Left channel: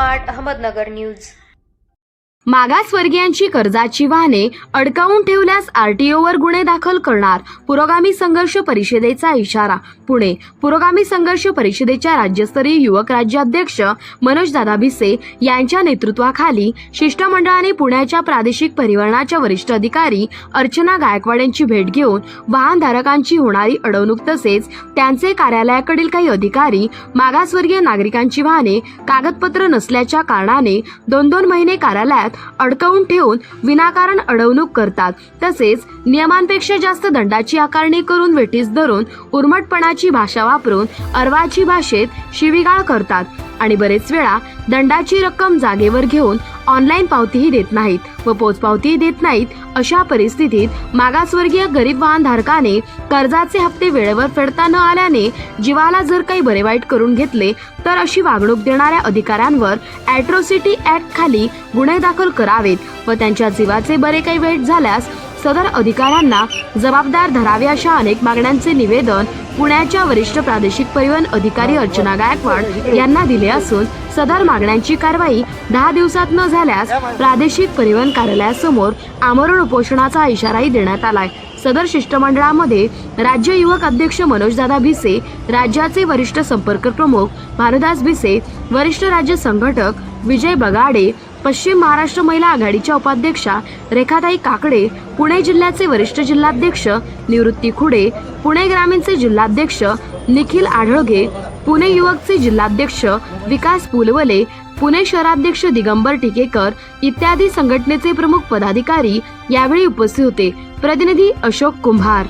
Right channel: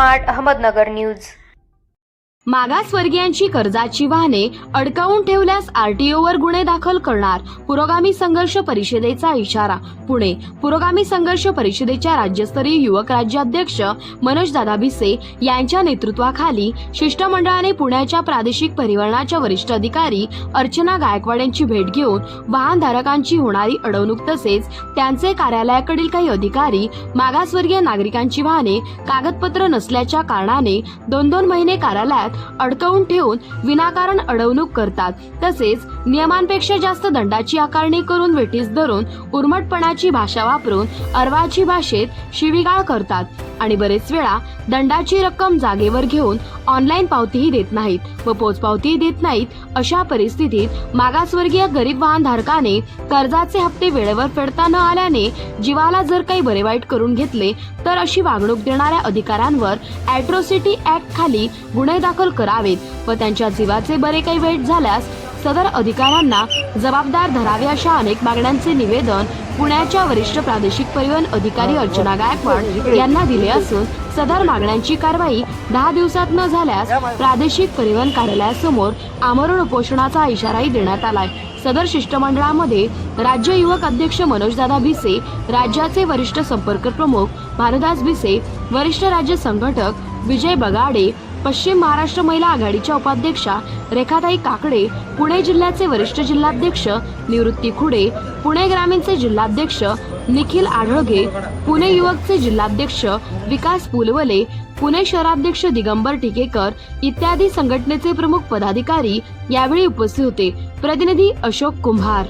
Smart Ahmednagar news. मागासवर्गीयांची कर्जाची वाहने अडकावून ठेवल्यास आरटीओवर गुन्हे दाखल करणार, पुरोगामी संघर्ष परिषदेचा इशारा। पुणे पुरोगामी संघर्ष परिषदेच्या राज्यस्तरीय युवक राज्याध्यक्ष मनोजदादा भिसे यांच्या नेतृत्वाखाली शिष्टमंडळाने पुण्याच्या प्रादेशिक परिवहनाच्या वरिष्ठ अधिकारी अर्चना गायकवाड यांची भेट घेऊन वाहनधारकांची होणारी अडवणूक तसेच त्यांचे कार्यालयाकडील काही अधिकारी मागासवर्गीय नागरिकांची वाहने कागदपत्र नसल्याच्या कारणाने 2-2 महिने कार्यालयात अडकवून ठेवून विनाकारण अडवणूक करतात, तसेच नियमांपेक्षा जास्त दंडाची आकारणी करून वेठीस धरून उर्मटपणाची भाषा वापरून अर्वाची भाषेत शिवीगाळ करतात आणि बरेच वेळा दंडाची रक्कम जागेवर घेऊन ऑनलाईन पावतीही देत नाहीत व पोचपावतीही देत नाहीत। अशा परिस्थितीत मागासवर्गीय गरीब वाहनधारकाने कर्जाचे हप्ते वेळेवर फेडता न आल्याने जीवाला जर काही बरे वाईट करून घेतले तर अशी वागणूक देणाऱ्या अधिकाऱ्यांवर ॲट्रॉसिटी ऍक्ट खाली गुन्हे दाखल करावेत व त्यांच्या जीवाचे बरे काही वाईट झाल्यास सदर अधिकाऱ्यांना जबाबदार धरावे अशा अनेक मागण्यांचे निवेदन पुण्याच्या वरिष्ठ प्रादेशिक परिवहन अधिकारी अर्चना गायकवाड यांना दिले असून सदर मागण्यांची कारवाई 10 दिवसात न झाल्यास प्रादेशिक परिवहन कार्यालयासमोर आमरण उपोषणाचा इशाराही देण्यात आलाय। सदर शिष्टमंडळामध्ये राज्य युवक अध्यक्ष मनोजदादा भिसे, राज्याचे वरिष्ठ संपर्क प्रमुख भानुदास भिसे, वरिष्ठ राज्य संघटक विजय बगाडे, पश्चिम महाराष्ट्र महिला आघाडीच्या उपाध्यक्षा रेखाताई काकडे, पुणे जिल्ह्याचे वरिष्ठ जिल्हाध्यक्ष निवृत्ती खुडे, पुणे ग्रामीणचे जिल्हाध्यक्ष निखिल आढळगे, पुणे युवकचे जिल्हाध्यक्ष विकास पुलवले, पुणे शहराध्यक्ष दिगंबर टिकेकर इत्यादी संघटनेचे प्रमुख पदाधिकारी यावेळी उपस्थित होते। प्रतिनिधी अशोक कुंभार।